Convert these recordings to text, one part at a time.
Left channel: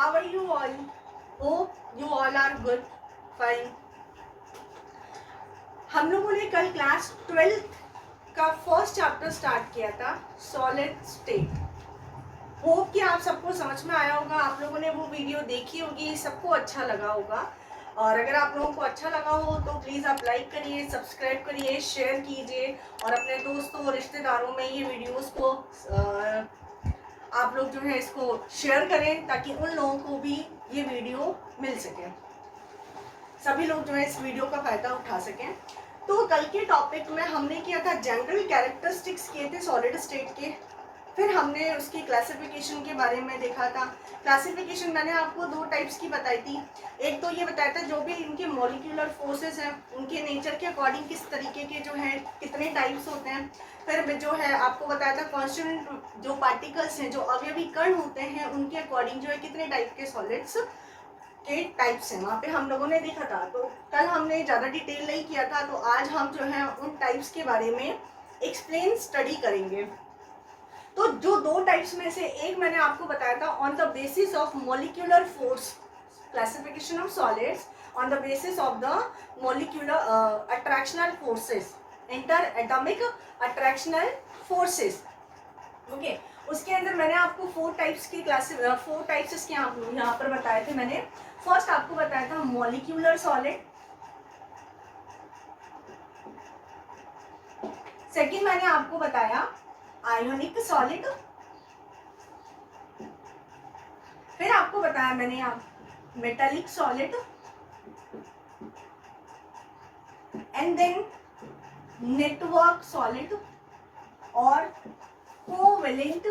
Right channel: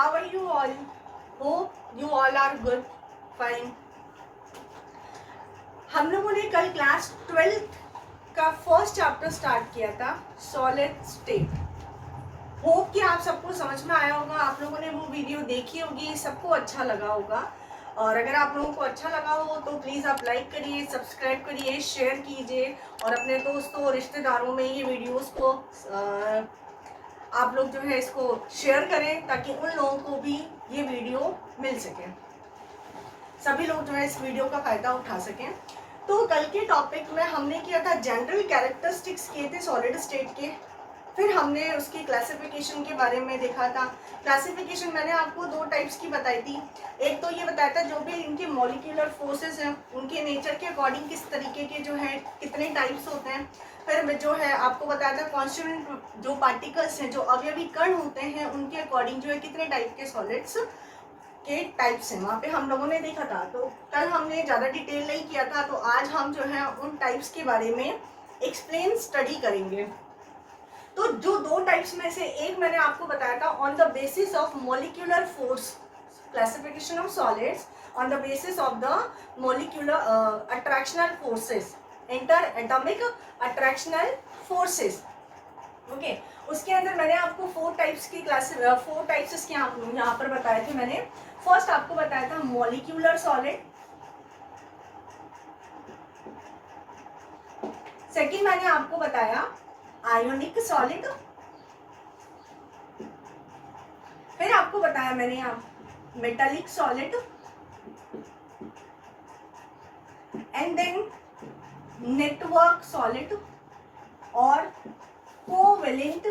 How are you all? Hope you all are good, fine. हम लोगों ने कल क्लास 12th का फर्स्ट चैप्टर स्टार्ट किया था, सॉलिड स्टेट। होप कि आप सबको समझ में आया होगा, आप लोगों ने वो वीडियो देखी होगी, सबको अच्छा लगा होगा। और अगर आप लोगों को अच्छा लगा हो तो प्लीज़ आप लाइक करिए, सब्सक्राइब करिए, शेयर कीजिए और अपने दोस्तों रिश्तेदारों में ये वीडियोस को आप लोग जो है इसको शेयर करें ताकि उन लोगों को भी ये वीडियो मिल सके, सभी लोग जो है इस वीडियो का फ़ायदा उठा सकें। तो कल के टॉपिक में हमने किया था जनरल कैरेक्टरिस्टिक्स किए थे सॉलिड स्टेट के, फिर हमने उसकी क्लासिफिकेशन के बारे में देखा था। क्लासिफिकेशन मैंने आपको दो टाइप्स की बताई थी। एक तो ये बताया था जो भी इनके मॉलिक्यूलर फोर्सेस हैं उनके नेचर के अकॉर्डिंग किस तरीके के जो है कितने टाइप्स होते हैं। फिर जो है आपको बताया था कॉन्स्टिट्यूएंट जो पार्टिकल्स हैं, जो अवयवी कण होते हैं, उनके अकॉर्डिंग जो है कितने टाइप के सॉलिड्स के टाइप्स हैं वहाँ पे हम लोगों ने देखा था। तो कल हमने ज़्यादा डिटेल नहीं किया था, तो आज हम जो है उन टाइप्स के बारे में एक्सप्लेन स्टडी करेंगे। तो जो दो टाइप्स में से एक मैंने आपको बताया था on the basis of molecular force, classification of solids on the basis of the molecular attractional forces, interatomic attractional forces. Okay, उसके अंदर मैंने आपको फोर टाइप्स इसके यहाँ पर बताए थे। मैंने फर्स्ट आपको बताया था मॉलिक्यूलर सॉलिड, सेकंड मैंने आपको बताया आयोनिक सॉलिड, फिर आपको बताया मैंने यहाँ metallic solid, and then network solid और कोवेलेंट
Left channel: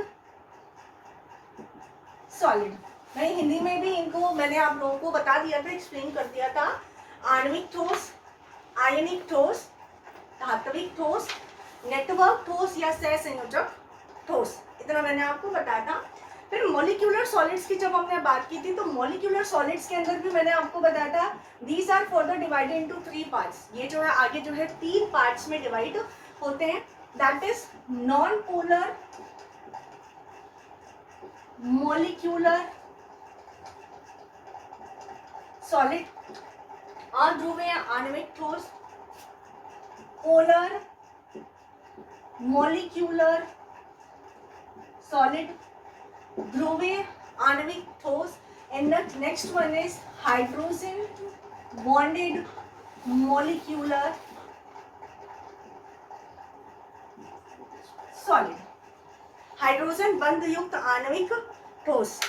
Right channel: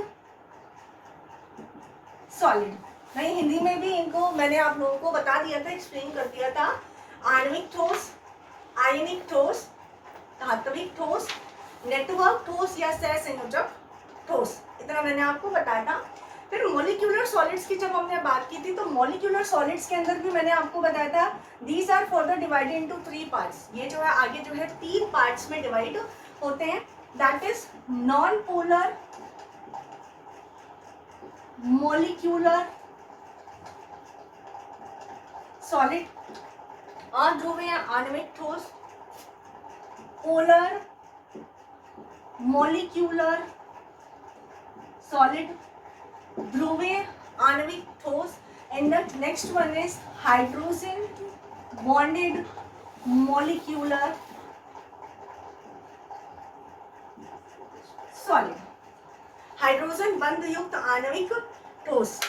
सॉलिड। मैं हिंदी में भी इनको मैंने आप लोगों को बता दिया था, एक्सप्लेन कर दिया था। आणविक ठोस, आयनिक ठोस, धात्विक ठोस, नेटवर्क ठोस या सहसंयोजक ठोस, इतना मैंने आपको बताया था। फिर मॉलिक्यूलर सॉलिड्स की जब हमने बात की थी तो मॉलिक्यूलर सॉलिड्स के अंदर भी मैंने आपको बताया था these are further divided into 3 parts. ये जो है आगे जो है 3 पार्ट्स में डिवाइड होते हैं, that is non polar molecular solid, अध्रुवीय आणविक ठोस, पोलर मॉलिक्यूलर सॉलिड, ध्रुवीय आणविक ठोस, and the next one is hydrogen bonded molecular solid, hydrogen बंध युक्त आणविक ठोस।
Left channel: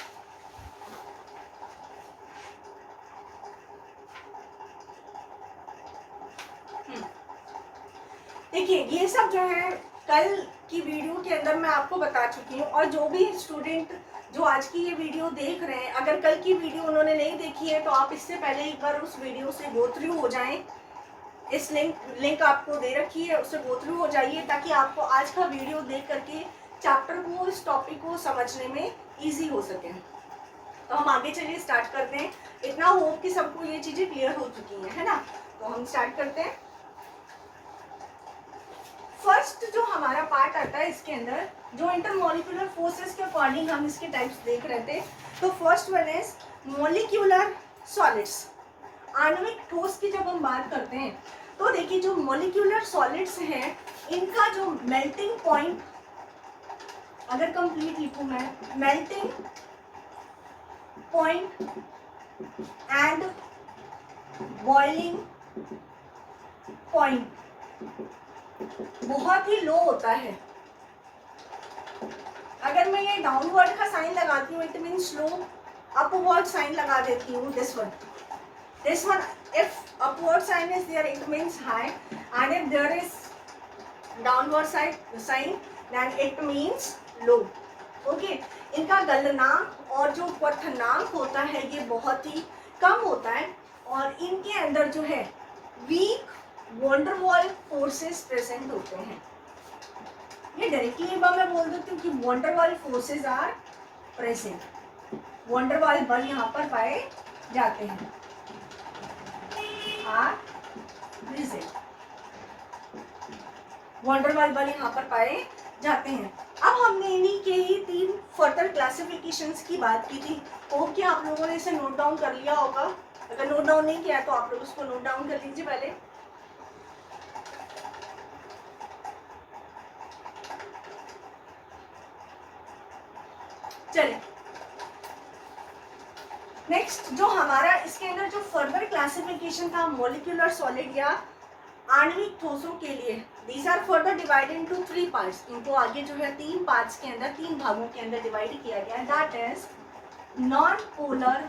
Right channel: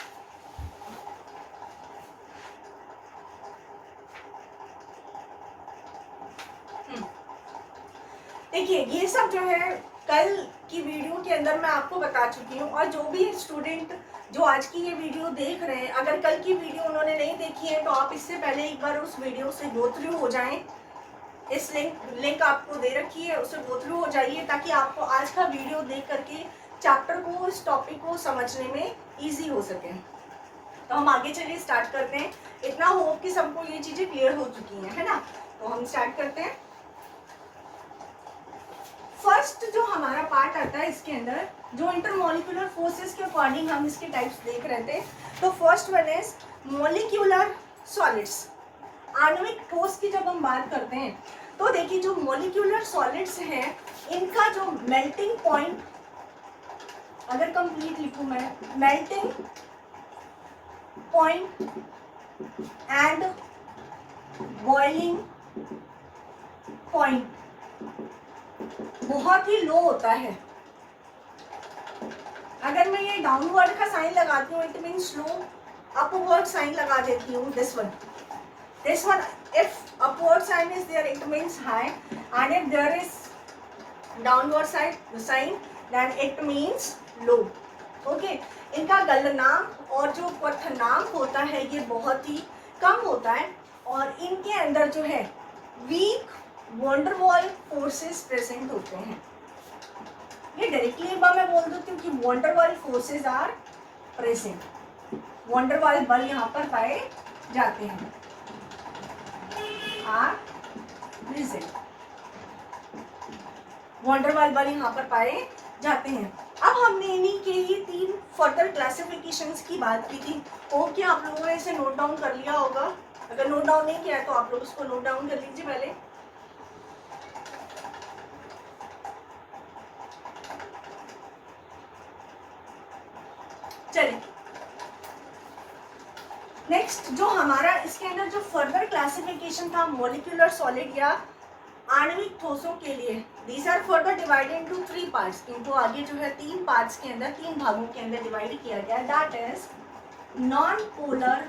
देखिए ये सब जो है कल की वीडियो के अंदर मैं आपको बता चुकी हूँ, और जो भी स्टूडेंट जो आज की ये वीडियो देख रहे हैं, अगर कल की वीडियो उन्होंने नहीं देखी है तो आप इससे पहले एक बार उस वीडियो से गो थ्रू हो जाएं। इस लिंक आपको दे रखी है, उससे गो थ्रू हो जाइए ताकि आपको आज का वीडियो देख करके चैप्टर को, इस टॉपिक को समझने में ईजी हो सके। तो हम आगे चलिए स्टार्ट करते हैं। इतना होप कि सबको ये चीज़ें क्लियर हो चुकी हैं, है ना। तो हम स्टार्ट करते हैं। फर्स्ट जो हमारा पार्ट आता है इसके अंदर, जो इंटरमॉलिक्यूलर फोर्सेस के अकॉर्डिंग हम इसके टाइप्स देख रहे थे। तो first one is molecular solids, आणविक ठोस की जब हम बात करते हैं तो देखिए जो मॉलिक्यूलर सॉलिड्स हैं इनका जो मेल्टिंग पॉइंट, अगर कंप्लीट लिखूं मैं, melting point and boiling point बहुत ही लो होता है। अगर मैं ये डाउनवर्ड का साइन लगाती हूँ it mean slow, upward sign लगा देती हूँ, this one if upward sign is there it means high, and if there is downward sign then it means low. Okay, इनका गलनांक और जो क्वथनांक होता है ये बहुत ही कम होता है, और इनके अंदर जो है weak van der Waals forces present होते हैं। ये डायरेक्टली एक बार मैं बोल देती हूँ कि van der Waals forces are present, van der Waals बल यहाँ पर पाए जाते हैं, आर प्रेजेंट, वॉन्डर वॉल बल यहाँ पर पाए जाते हैं। अब हमने इन्हीं के ही 3 फर्दर क्लासिफिकेशंस की बात की थी। होप कि आप लोगों ने इसे नोट डाउन कर लिया होगा। अगर नोट डाउन नहीं किया तो आप लोग उसको नोट डाउन कर लीजिए पहले। चलिए नेक्स्ट जो हमारा इसके अंदर जो फर्दर क्लासिफिकेशन था मॉलिक्यूलर सॉलिड या आणविक ठोसों के लिए, these are further divided into 3 parts. इनको आगे जो है 3 पार्ट्स के अंदर, 3 भागों के अंदर डिवाइड किया गया। That is non polar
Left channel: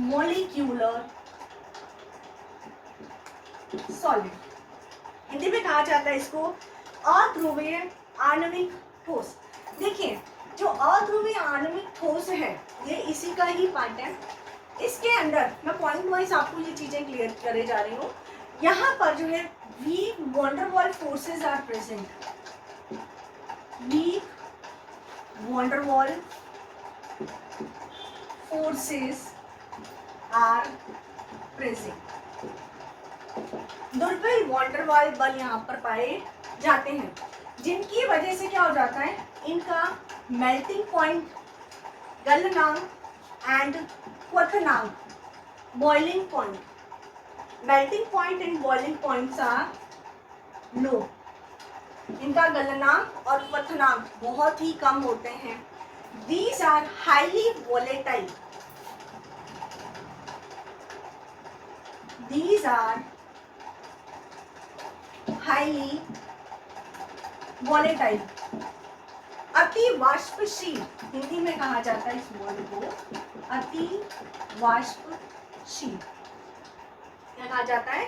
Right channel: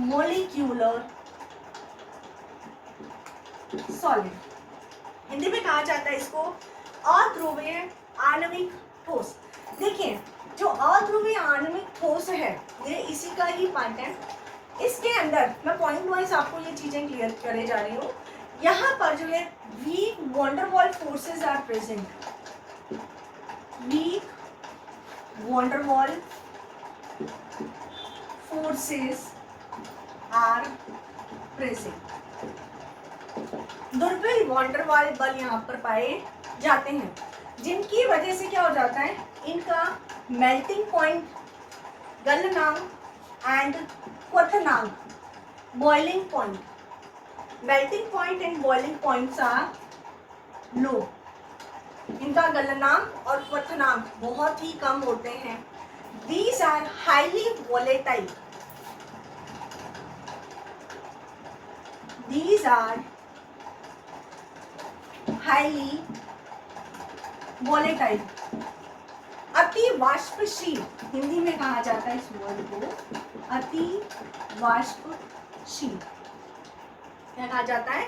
molecular solid, Hindi में कहा जाता है इसको अध्रुवीय आणविक ठोस। देखिए जो अध्रुवीय आणविक ठोस है ये इसी का ही पार्ट है। इसके अंदर मैं पॉइंट वाइज आपको ये चीजें क्लियर करे जा रही हूँ। यहाँ पर जो है weak van der Waals forces are present. Weak van der Waals forces are present. दुर्बल वॉन्डर वॉल बल यहाँ पर पाए जाते हैं, जिनकी वजह से क्या हो जाता है, इनका मेल्टिंग पॉइंट, गलनांक एंड क्वथनांक, boiling point, melting point and boiling points are low. इनका गलनांक और क्वथनांक बहुत ही कम होते हैं। These are highly volatile. These are highly volatile। अति वाष्पशील, हिंदी में कहा जाता है इस वर्ड को अति वाष्पशील। क्या कहा जाता है?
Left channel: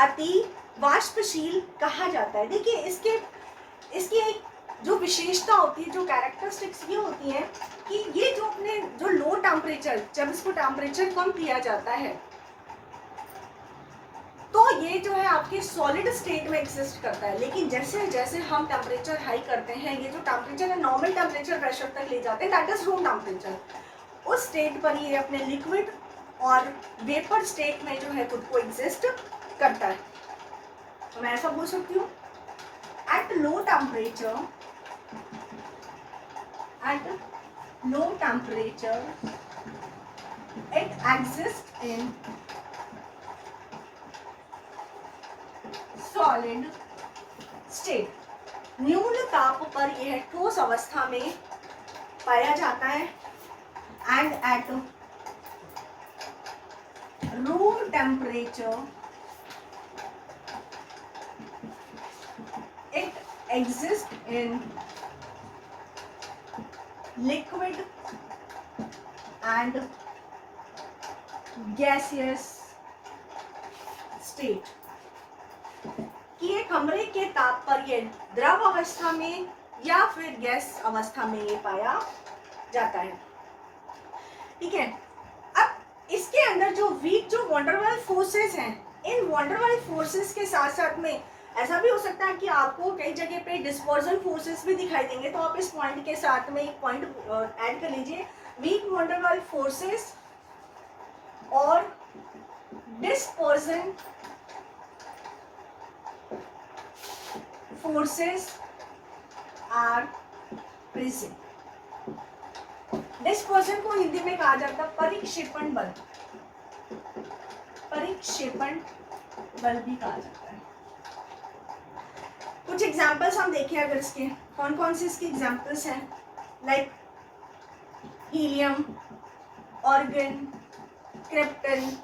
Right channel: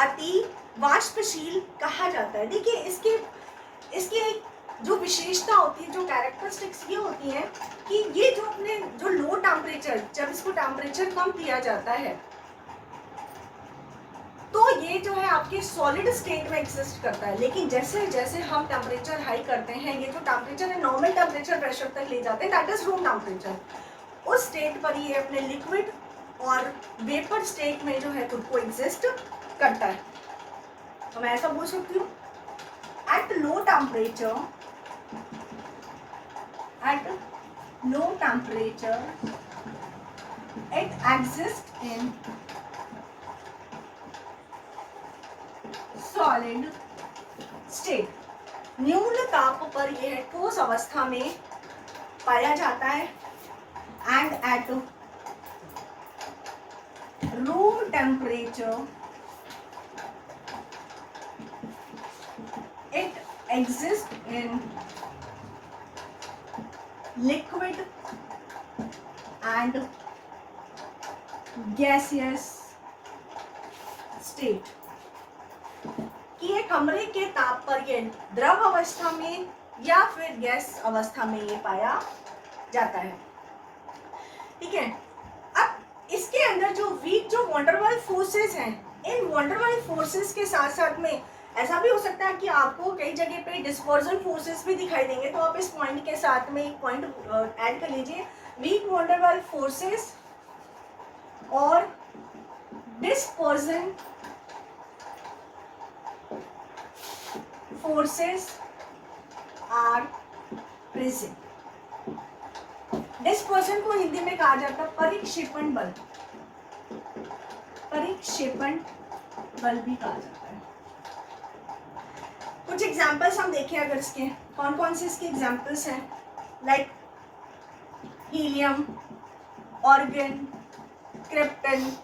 अति वाष्पशील कहा जाता है। देखिए इसकी एक जो विशेषता होती है, जो कैरेक्टरिस्टिक्स ये होती है कि ये जो अपने जो लो टेम्परेचर, जब इसको टेम्परेचर कम किया जाता है तो ये जो है आपके सॉलिड स्टेट में एग्जिस्ट करता है। लेकिन जैसे जैसे हम टेम्परेचर हाई करते हैं, ये जो टेम्परेचर है नॉर्मल टेम्परेचर प्रेशर तक ले जाते हैं, दैट इज रूम टेम्परेचर, उस स्टेट पर ये अपने लिक्विड और वेपर स्टेट में जो है खुद को एग्जिस्ट करता है। तो मैं ऐसा बोल सकती हूँ at low temperature it exist in solid state. न्यून ताप पर यह ठोस अवस्था में पाया जाता है and at room temperature it exist in liquid and gaseous state. कि ये कमरे के ताप पर ये द्रव अवस्था में या फिर गैस अवस्था में ये पाया जाता है। ठीक है, अब इसके अंदर जो वीक जो वॉन्डरवॉल फोर्सेस हैं, इन वॉन्डरवॉल फोर्सेस के साथ साथ में ऐसा भी हो सकता है कि आपको कई जगह पे डिस्पर्जन फोर्सेस भी दिखाई देंगे। तो आप इस पॉइंट के साथ में एक पॉइंट ऐड कर लीजिए, वीक वॉन्डरवॉल फोर्सेस और dispersion forces are present. Dispersion को हिंदी में कहा जाता है परिक्षेपण बल, परिक्षेपण बल भी कहा जाता है। कुछ एग्जांपल्स हम देखें अगर इसके, कौन कौन से इसके एग्जांपल्स हैं, like helium, argon, krypton,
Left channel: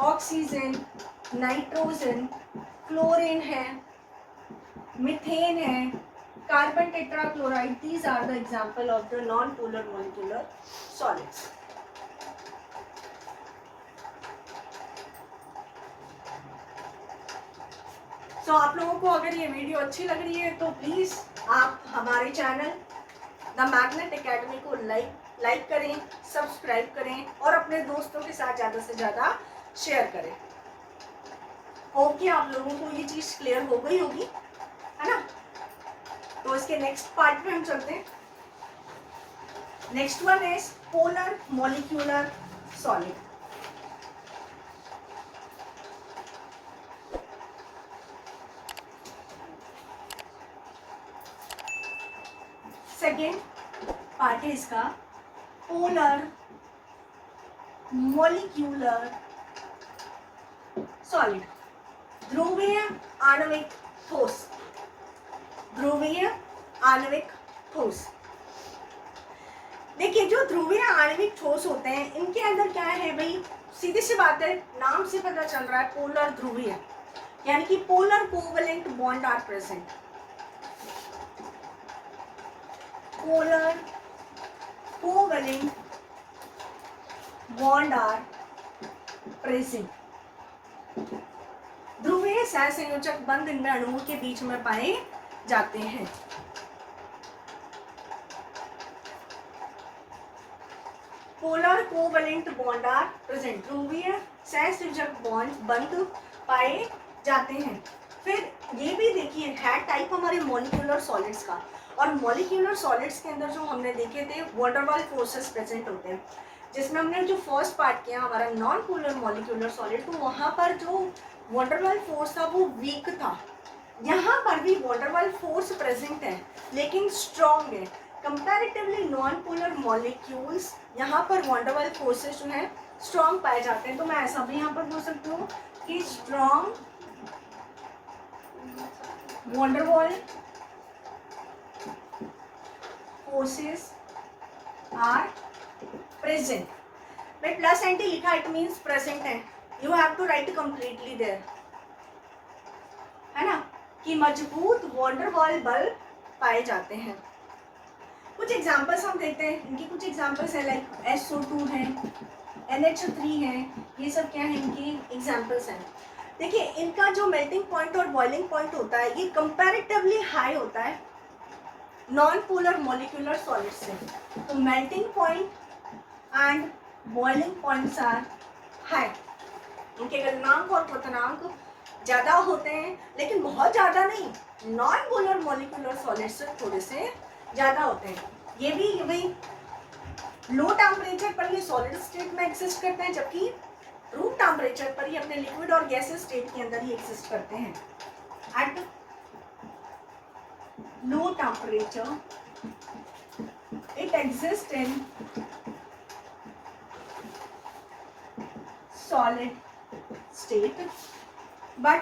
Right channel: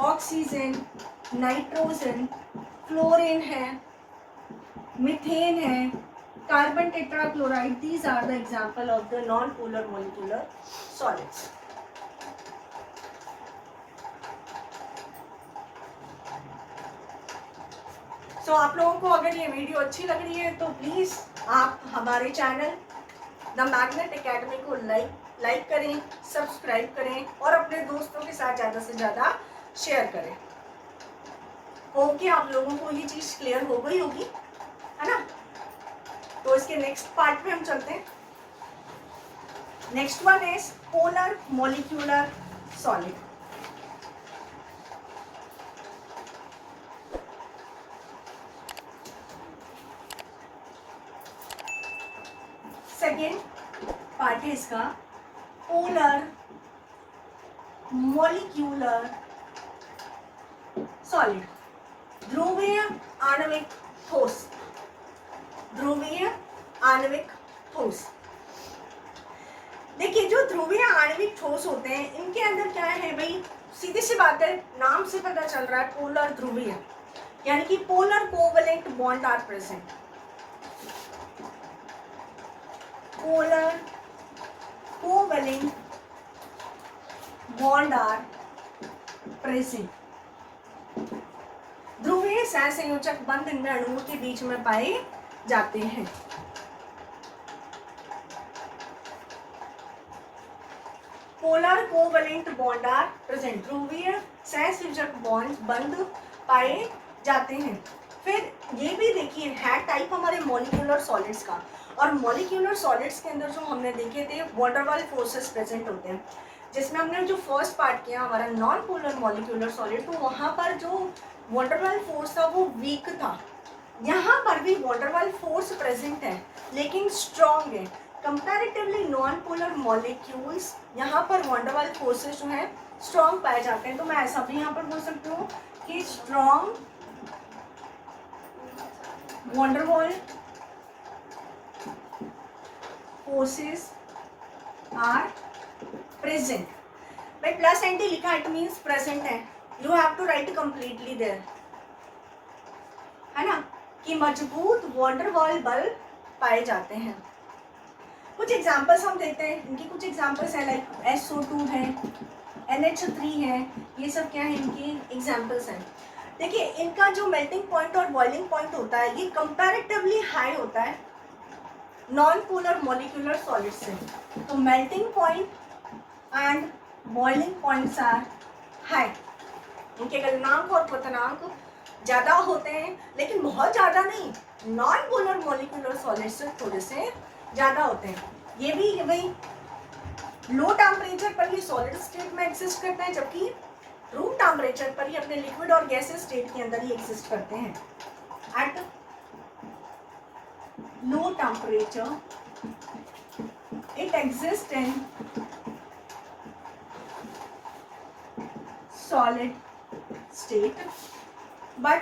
oxygen, nitrogen, chlorine है, मीथेन है, carbon tetrachloride. These are the example of the non polar molecular solids. So आप लोगों को अगर ये वीडियो अच्छी लग रही है तो प्लीज आप हमारे चैनल द मैग्नेट एकेडमी को लाइक करें, सब्सक्राइब करें और अपने दोस्तों के साथ ज़्यादा से ज़्यादा शेयर करें। ओके, आप लोगों को ये चीज़ क्लियर हो गई होगी, है ना? तो इसके नेक्स्ट पार्ट पे हम चलते हैं। Next one is polar molecular solid. Second part है इसका पोलर मॉलिक्यूलर सॉलिड, ध्रुवीय आणविक ठोस, ध्रुवीय आणविक ठोस। देखिए जो ध्रुवीय आणविक ठोस होते हैं इनके अंदर क्या है भाई, सीधी सी बात है, नाम से पता चल रहा है पोलर ध्रुवीय, यानी कि polar covalent bond are present, polar covalent bond are present. ध्रुवीय सहसंयोजक बंध इन अणुओं के बीच में पाए जाते हैं। Polar covalent bond are present, ध्रुवीय सहसंयोजक बंध पाए जाते हैं। फिर ये भी देखिए है टाइप हमारे मॉलिक्यूलर सॉलिड्स का, और मॉलिक्यूलर सॉलिड्स के अंदर जो हमने देखे थे वान डेर वाल्स फोर्सेस प्रेजेंट होते हैं, जिसमें हमने जो फर्स्ट पार्ट किया हमारा नॉन पोलर मॉलिक्यूलर सॉलिड, तो वहाँ पर जो वान डेर वाल्स फोर्स था वो वीक था। यहाँ पर भी वान डेर वाल्स फोर्स प्रेजेंट है लेकिन स्ट्रॉन्ग है। कंपैरेटिवली नॉन पोलर मॉलिक्यूल्स यहाँ पर वान डेर वाल्स फोर्सेस जो है स्ट्रॉन्ग पाए जाते हैं। तो मैं ऐसा भी यहाँ पर बोल सकती हूँ कि strong van der Waals forces are present. भाई प्लस एंटी लिखा इट मीन्स प्रेजेंट है, you have to write completely there, है ना, कि मजबूत वान डेर वाल्स बल पाए जाते हैं। कुछ एग्जांपल्स हम देखते हैं, इनकी कुछ एग्जांपल्स है लाइक SO2 है, NH3 है, ये सब क्या है इनकी एग्जांपल्स हैं। देखिए इनका जो मेल्टिंग पॉइंट और बॉइलिंग पॉइंट होता है ये कंपैरेटिवली हाई होता है नॉन पोलर मॉलिक्यूलर सॉलिड से। तो melting point and boiling points are high, उनके गलनांक और क्वथनांक ज़्यादा होते हैं लेकिन बहुत ज़्यादा नहीं, नॉन पोलर मॉलिक्यूलर सॉलिड से थोड़े से ज़्यादा होते हैं। ये भी भाई लो टेम्परेचर पर ये सॉलिड स्टेट में एग्जिस्ट करते हैं, जबकि रूम टेम्परेचर पर ये अपने लिक्विड और गैसेस स्टेट के अंदर ही एग्जिस्ट करते हैं। At low temperature it exist in solid state, but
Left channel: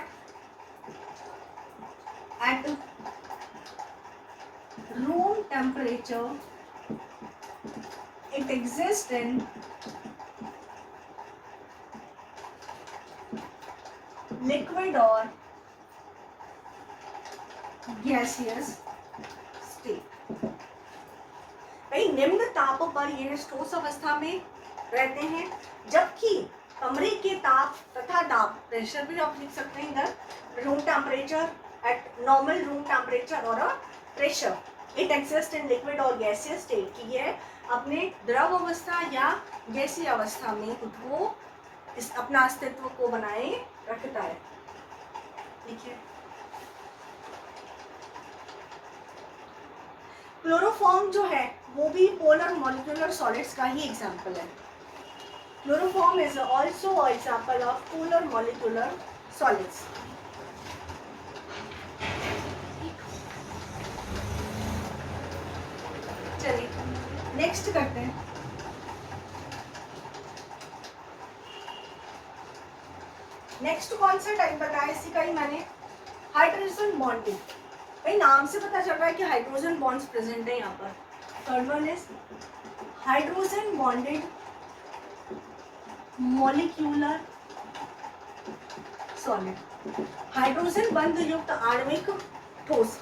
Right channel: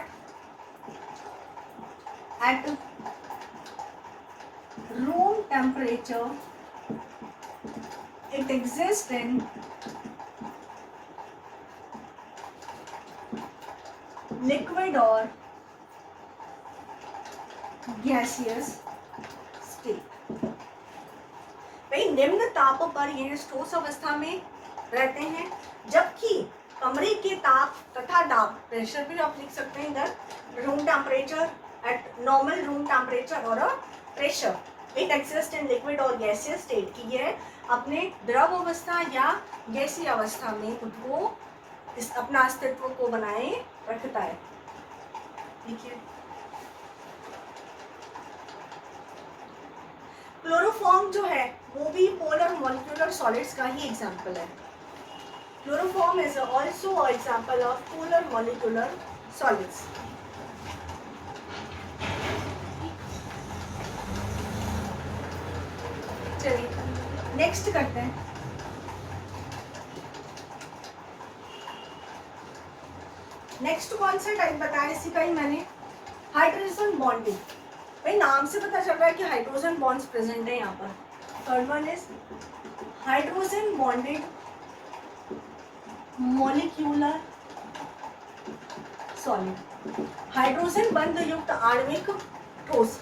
at room temperature it exists in liquid or gaseous state। भाई निम्न ताप पर यह ठोस अवस्था में रहते हैं, जबकि कमरे के ताप तथा दाब, प्रेशर भी आप लिख सकते हैं इधर, room temperature at normal room temperature और pressure it exist in liquid और गैसियस स्टेट, की ये अपने द्रव अवस्था या गैसीय अवस्था में खुद को इस अपना अस्तित्व को बनाए रखता है। ठीक है, क्लोरोफॉर्म जो है वो भी पोलर मॉलिक्यूलर सॉलिड्स का ही एग्जाम्पल है। Chloroform is also an example of polar molecular solids. चलिए नेक्स्ट करते हैं। नेक्स्ट कौन सा टाइप बताया इसी का ही मैंने, हाइड्रोजन बॉन्डिंग। भाई नाम से पता चल रहा है कि हाइड्रोजन बॉन्ड्स प्रेजेंट है यहाँ पर। Third one is hydrogen bonded molecular solid, hydrogen बंध युक्त आणविक ठोस।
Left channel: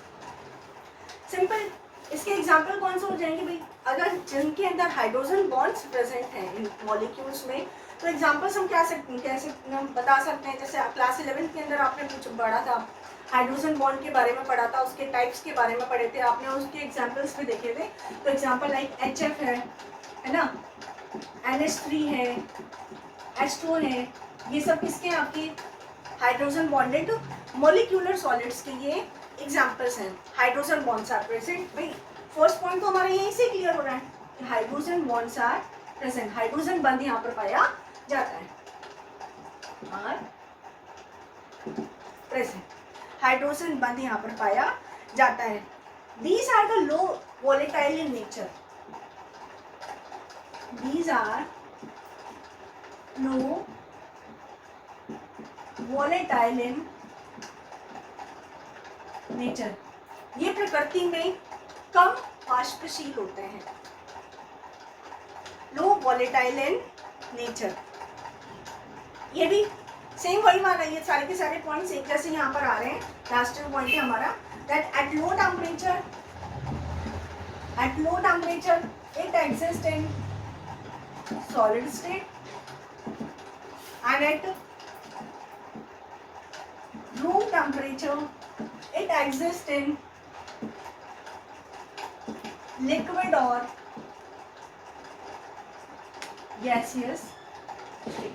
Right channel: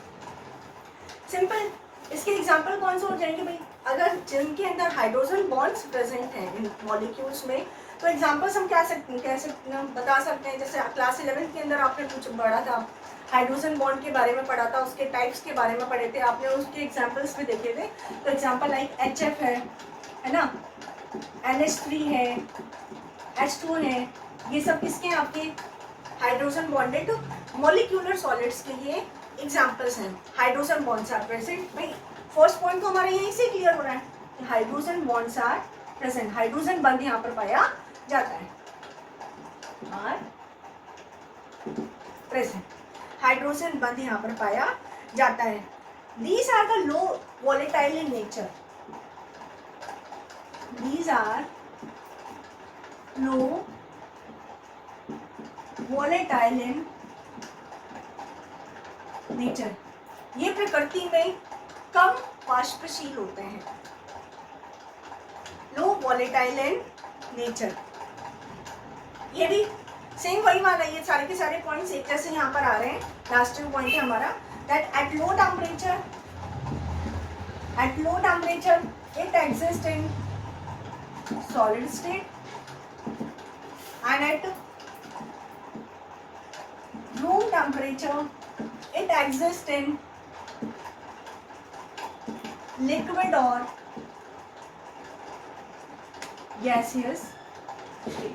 सिंपल, इसके एग्जांपल कौन से हो जाएंगे भाई, अगर जिनके अंदर हाइड्रोजन बॉन्ड्स प्रेजेंट हैं इन मॉलिक्यूल्स में, तो एग्जांपल्स हम कैसे बता सकते हैं। जैसे क्लास 11 के अंदर आपने कुछ पढ़ा था, हाइड्रोजन बॉन्ड के बारे में पढ़ा था, उसके टाइप्स के बारे में पढ़े थे आपने, उसके एग्जांपल्स भी देखे थे। तो एग्जांपल लाइक HF है ना, NH3 है, H2 है, ये सब किसके हैं आपके हाइड्रोजन बॉन्डेड मॉलिक्यूलर सॉलिड्स के ये एग्जांपल्स हैं। हाइड्रोजन बॉन्ड्स आर प्रेजेंट, भाई फर्स्ट पॉइंट तो हमारा यहीं से क्लियर हो रहा है कि hydrogen bonds are present, hydrogen बंध यहाँ पर पाया जाता है, आर प्रेजेंट, हाइड्रोजन बंध यहाँ पर पाया जाता है। These are the low volatile in nature. These are low volatile in nature. ये प्रकृति में कम वाष्पशील होते हैं. लो वॉलेटाइल इन नेचर. ये भी सेम वही वाला, ये सारे के सारे पॉइंट्स एक जैसे यहाँ पर आ रहे हैं. लास्ट पॉइंट है हमारा that at low temperature it exist in solid state and at room temperature it exist in liquid और गैसियस स्टेट.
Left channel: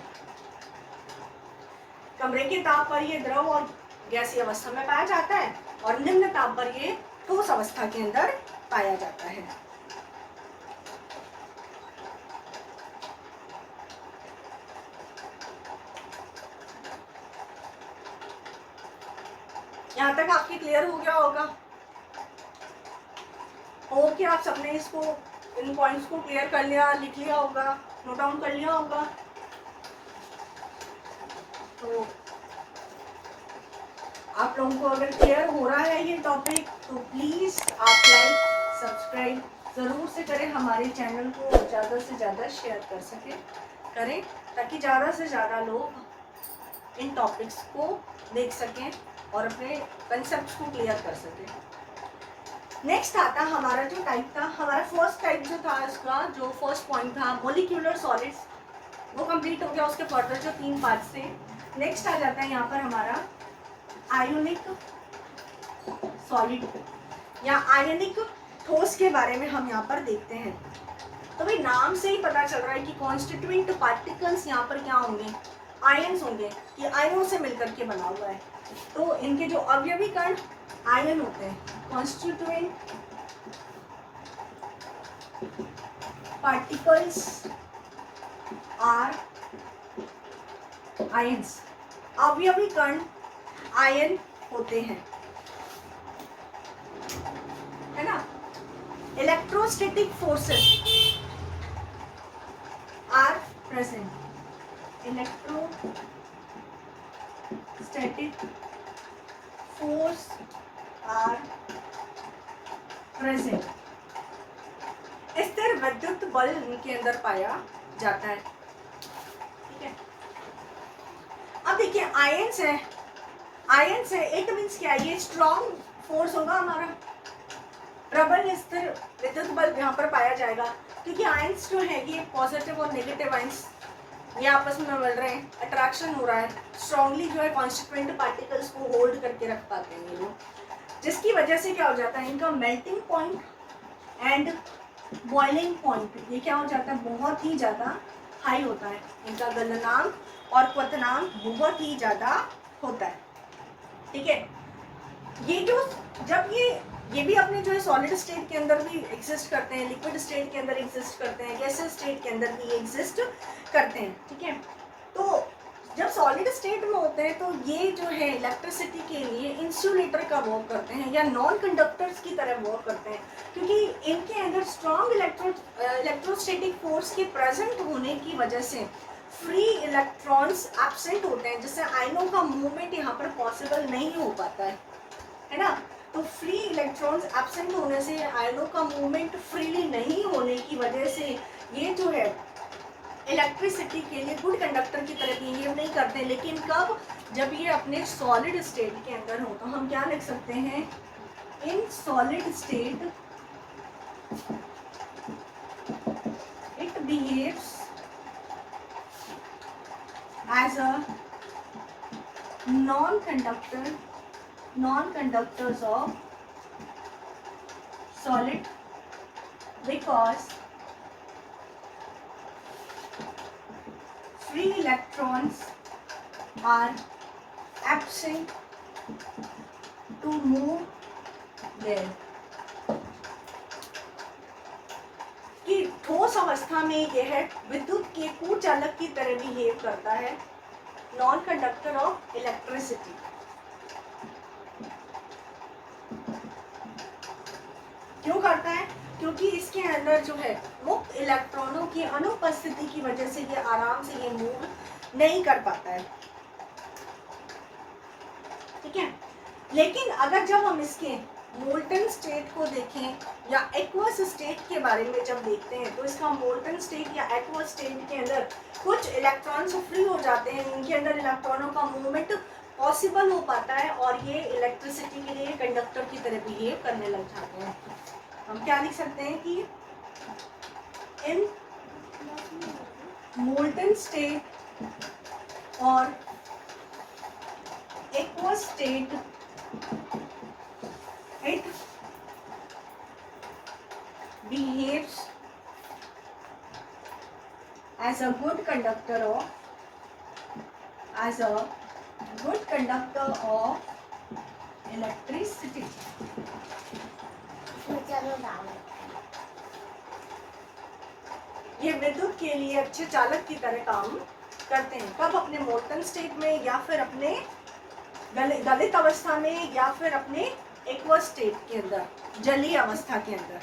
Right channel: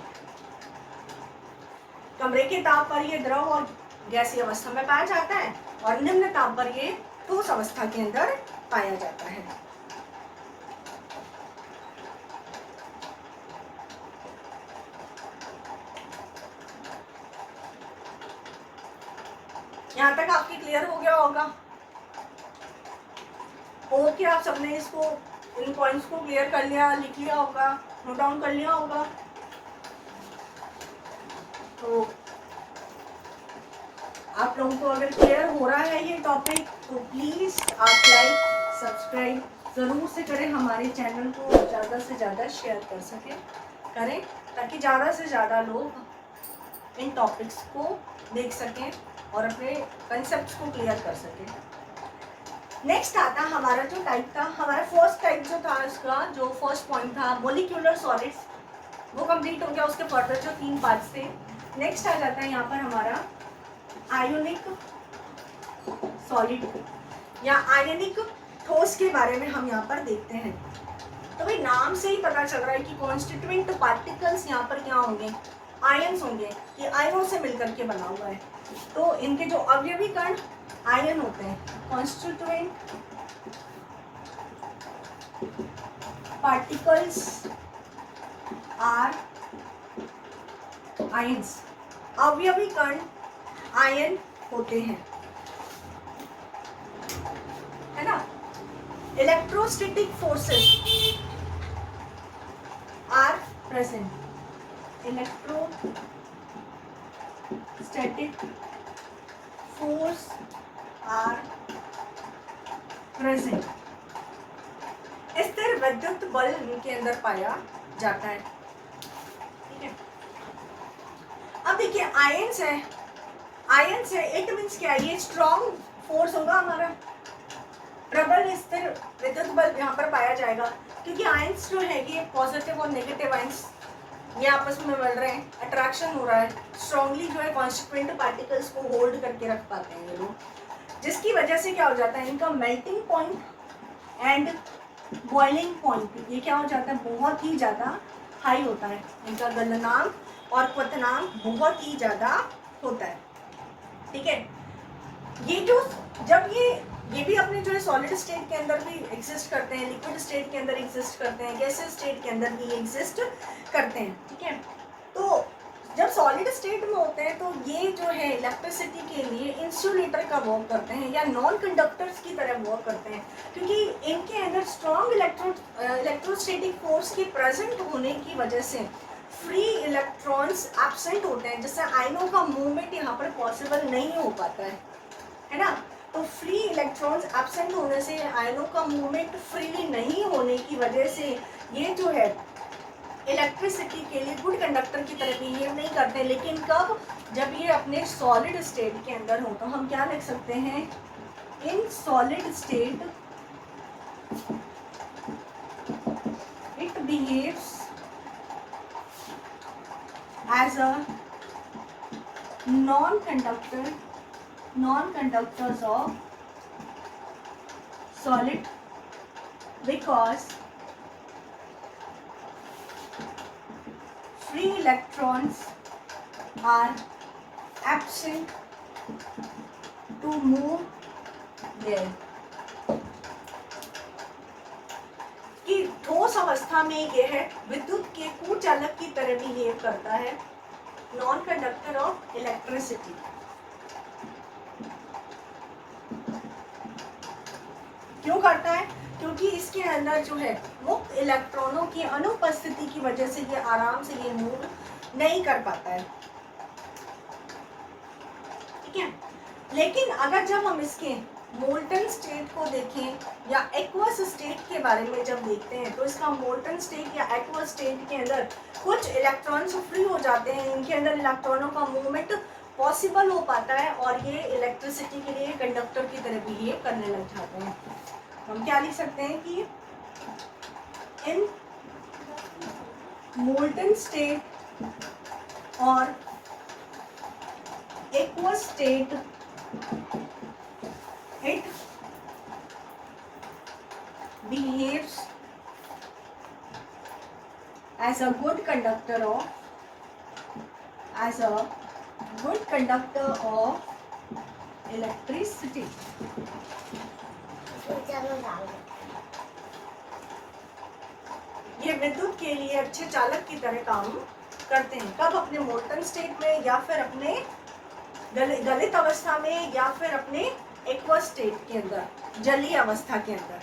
कमरे के ताप पर ये द्रव और गैसीय अवस्था में पाया जाता है और निम्न ताप पर ये ठोस अवस्था के अंदर पाया जाता है. यहाँ तक आपकी क्लियर हो गया होगा. होप कि आप सबने इसको, इन पॉइंट्स को क्लियर कर लिया, लिख लिया होगा, नोट डाउन कर लिया होगा. तो आप लोगों को अगर क्लियर हो रहा है ये टॉपिक तो प्लीज़ आप लाइक सब्सक्राइब ज़रूर से करें. हमारे चैनल को ज़्यादा से ज़्यादा शेयर करें ताकि ज़्यादा से ज़्यादा लोग इन टॉपिक्स को देख सकें और अपने कंसेप्ट को क्लियर कर सकें. नेक्स्ट आता हमारा जो टाइप था, हमारा फर्स्ट टाइप जो था, इसका जो फर्स्ट पॉइंट था मोलिक्यूलर सॉलिड्स, वो कंप्लीट हो गया. उसके फर्दर जो 3 पार्ट्स थे. नेक्स्ट आ जाता है यहाँ पर हमारा आयोनिक सॉलिड या आयनिक ठोस के बारे में हम यहाँ पर देखते हैं. तो भाई नाम से ही पता चल रहा है कि कॉन्स्टिट्यूएंट पार्टिकल्स यहाँ पर क्या होंगे, आयन्स होंगे. ये आयनों से मिलकर के बना हुआ है. तो इनके जो अवयवी कण आयन होते हैं. Constituent particles are ions. अवयवी कण आयन होते हैं, है ना. Electrostatic forces are present. Electrostatic force are present. स्थिर विद्युत बल इनके अंदर पाया जाता है. ठीक है. अब देखिए आयन्स है, आयन्स है, इट मीन्स क्या, ये स्ट्रॉन्ग फोर्स होगा हमारा. प्रबल स्थिर विद्युत बल यहाँ पर पाया जाएगा क्योंकि आयन्स जो है ये पॉजिटिव और नेगेटिव आयन्स ये आपस में मिल रहे हैं, अट्रैक्शन हो रहा है. स्ट्रांगली जो है कॉन्स्टिट्यूएंट पार्टिकल्स को होल्ड करके रख पाते हैं ये लोग, जिसकी वजह से क्या हो जाता है, इनका melting point and boiling point ये क्या हो जाता है, बहुत ही ज़्यादा हाई होता है. इनका गलनांक और क्वथनांक बहुत ही ज़्यादा होता है. ठीक है. ये जो जब ये भी अपने जो है सॉलिड स्टेट के अंदर भी एग्जिस्ट करते हैं, लिक्विड स्टेट के अंदर एग्जिस्ट करते हैं, गैसियस स्टेट के अंदर भी एग्जिस्ट करते हैं. ठीक है. तो जब सॉलिड स्टेट में होते हैं तो ये जो है इलेक्ट्रिसिटी के लिए इंसुलेटर का वर्क करते हैं या नॉन कंडक्टर्स की तरह वर्क करते हैं क्योंकि इनके अंदर स्ट्रॉन्ग इलेक्ट्रोस्टैटिक फोर्स के प्रेजेंट होने की वजह से फ्री इलेक्ट्रॉन्स एब्सेंट होते हैं, जिससे आयनों का मूवमेंट यहाँ पर पॉसिबल नहीं हो पाता है ना. तो फ्री इलेक्ट्रॉन्स एब्सेंट होने से आयनों का मूवमेंट फ्रीली नहीं होने की वजह से ये जो है इलेक्ट्रिसिटी के लिए गुड कंडक्टर की तरह बिहेव नहीं करते. लेकिन कब, जब ये अपने सॉलिड स्टेट के अंदर हो तो हम क्या लिख सकते हैं, in solid state it behaves as a non-conductors of solid because free electrons are absent to move there. कि ठोस अवस्था में यह विद्युत के कुचालक की तरह बिहेव करता है, नॉन कंडक्टर ऑफ इलेक्ट्रिसिटी. क्यों करता है, क्योंकि इसके अंदर जो है मुक्त इलेक्ट्रॉनों की अनुपस्थिति की वजह से ये आराम से ये मूव नहीं कर पाता है, ठीक है। लेकिन अगर जब हम इसके मोल्टन स्टेट को देखें या एक्वस स्टेट के बारे में जब देखते हैं, तो इसका मोल्टन स्टेट या एक्वस स्टेट के अंदर कुछ इलेक्ट्रॉन्स फ्री हो जाते हैं, इनके अंदर इलेक्ट्रॉनों का मूवमेंट पॉसिबल हो पाता है और ये इलेक्ट्रिसिटी के लिए कंडक्टर की तरह बिहेव करने लग जाते हैं। हम क्या लिख सकते हैं कि इन मोल्टन स्टेट और aqueous state it behaves as a good conductor of electricity. ये विद्युत के लिए अच्छे चालक की तरह काम करते हैं। कब? अपने मोल्टन स्टेट में या फिर अपने गलित अवस्था में या फिर अपने एक्वस स्टेट के अंदर, जलीय अवस्था के अंदर।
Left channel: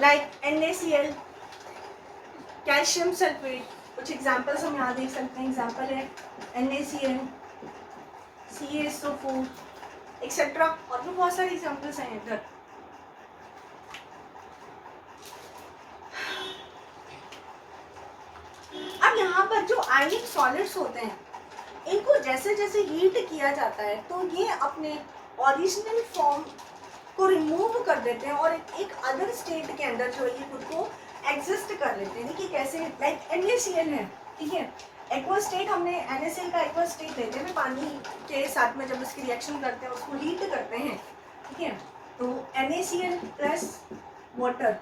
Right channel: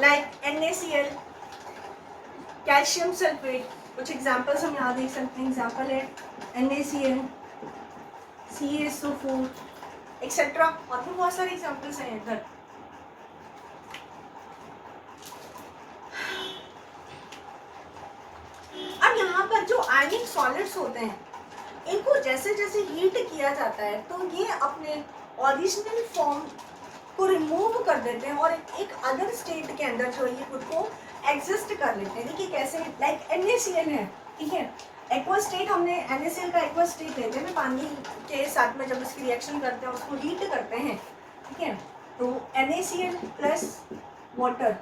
लाइक NaCl, कैल्शियम सल्फेट, कुछ एग्जांपल्स हम यहाँ देख सकते हैं। एग्जांपल है NaCl, CaSO4 एक्सेट्रा, और भी बहुत सारे एग्जांपल्स हैं इधर। अब यहाँ पर जो आयनिक सॉलिड्स होते हैं, इनको जैसे जैसे हीट किया जाता है तो ये अपने ओरिजिनल फॉर्म को रिमूव कर देते हैं और एक अदर स्टेट के अंदर जो ये खुद को एग्जिस्ट कर लेते हैं। देखिए कैसे, लाइक NaCl है, ठीक है। एक्वस स्टेट, हमने NaCl का एक्वस स्टेट लेते हैं, पानी के साथ में जब उसकी रिएक्शन करते हैं उसको हीट करते हैं, ठीक है। तो NaCl plus water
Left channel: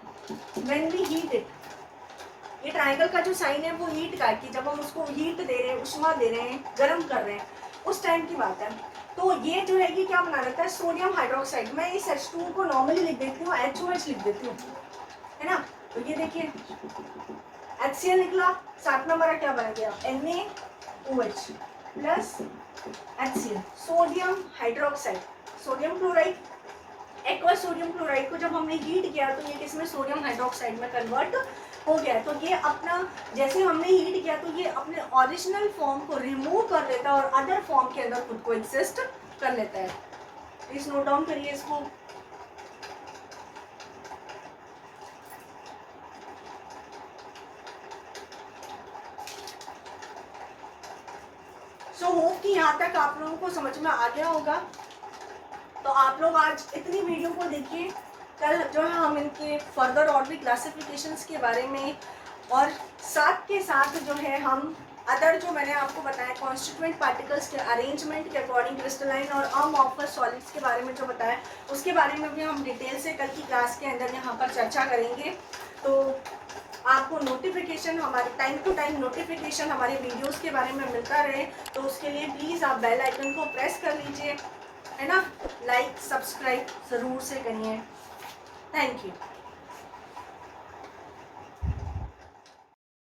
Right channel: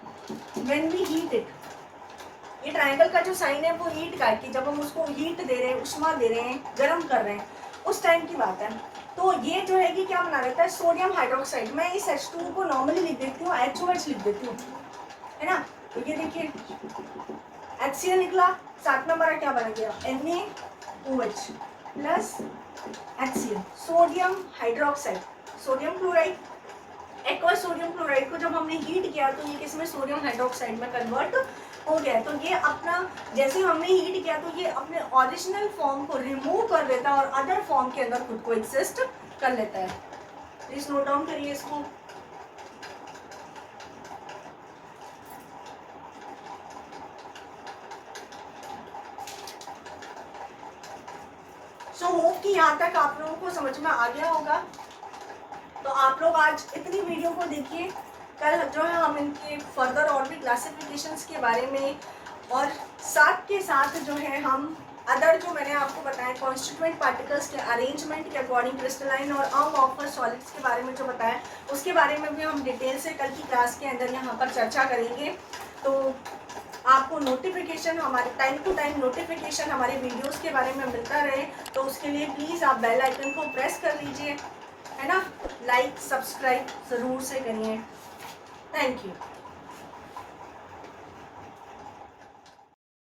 when we heat it, ये ट्रायंगल का जो साइन है वो हीट का, कि जब हम उसको हीट दे रहे हैं, उष्मा दे रहे हैं, गर्म कर रहे हैं, उस टाइम की बात है। तो ये जो है कि क्या बना देता है, सोडियम हाइड्रोक्साइड। मैं इस H2 को नॉर्मली लिख देती हूँ, HOH लिख देती हूँ, है ना। तो ये देखिए HCl निकला, साथ में हमारा क्या बन गया, NaOH plus HCl, sodium hydroxide, sodium chloride. Aqueous sodium chloride को जब हमने हीट किया तो ये किसमें, सोडियम हाइड्रोक्साइड में कन्वर्ट हो गया। तो ये अपना, जैसे हमने हीट किया तो ये अपने ओरिजिनल फॉर्म को रिमूव कर लेता है और अदर फॉर्म के अंदर खुद को एग्जिस्ट कर लेता है। प्लीज नोट डाउन करिए इसको। सो होप कि यहाँ तक आप लोगों को समझ में आ गया होगा। तो आप लोग आज इतनी वीडियो को देखिए, कल जो है हम इनके फर्दर और भी क्लासिफिकेशंस के बारे में, और साथ के साथ जो है हम अदर जो मैंने आपको बताया कॉन्स्टिट्यूएंट पार्टिकल्स के अरेंजमेंट के अकॉर्डिंग क्रिस्टलाइन और अमॉर्फस सॉलिड्स के बारे में जो बताया, उसके बारे में भी हम डिटेल से कल की क्लास के अंदर यहाँ पर चर्चा करेंगे। तो आपको नोटिफिकेशन, हमारे टाइम टू टाइम नोटिफिकेशन हमारे वीडियोस के बारे में मिलता रहे, तो उसके लिए प्लीज़ आप बेल आइकन को प्रेस कर लीजिए, है ना। लाइक सब्सक्राइब ज़रूर से करिए। Thank you.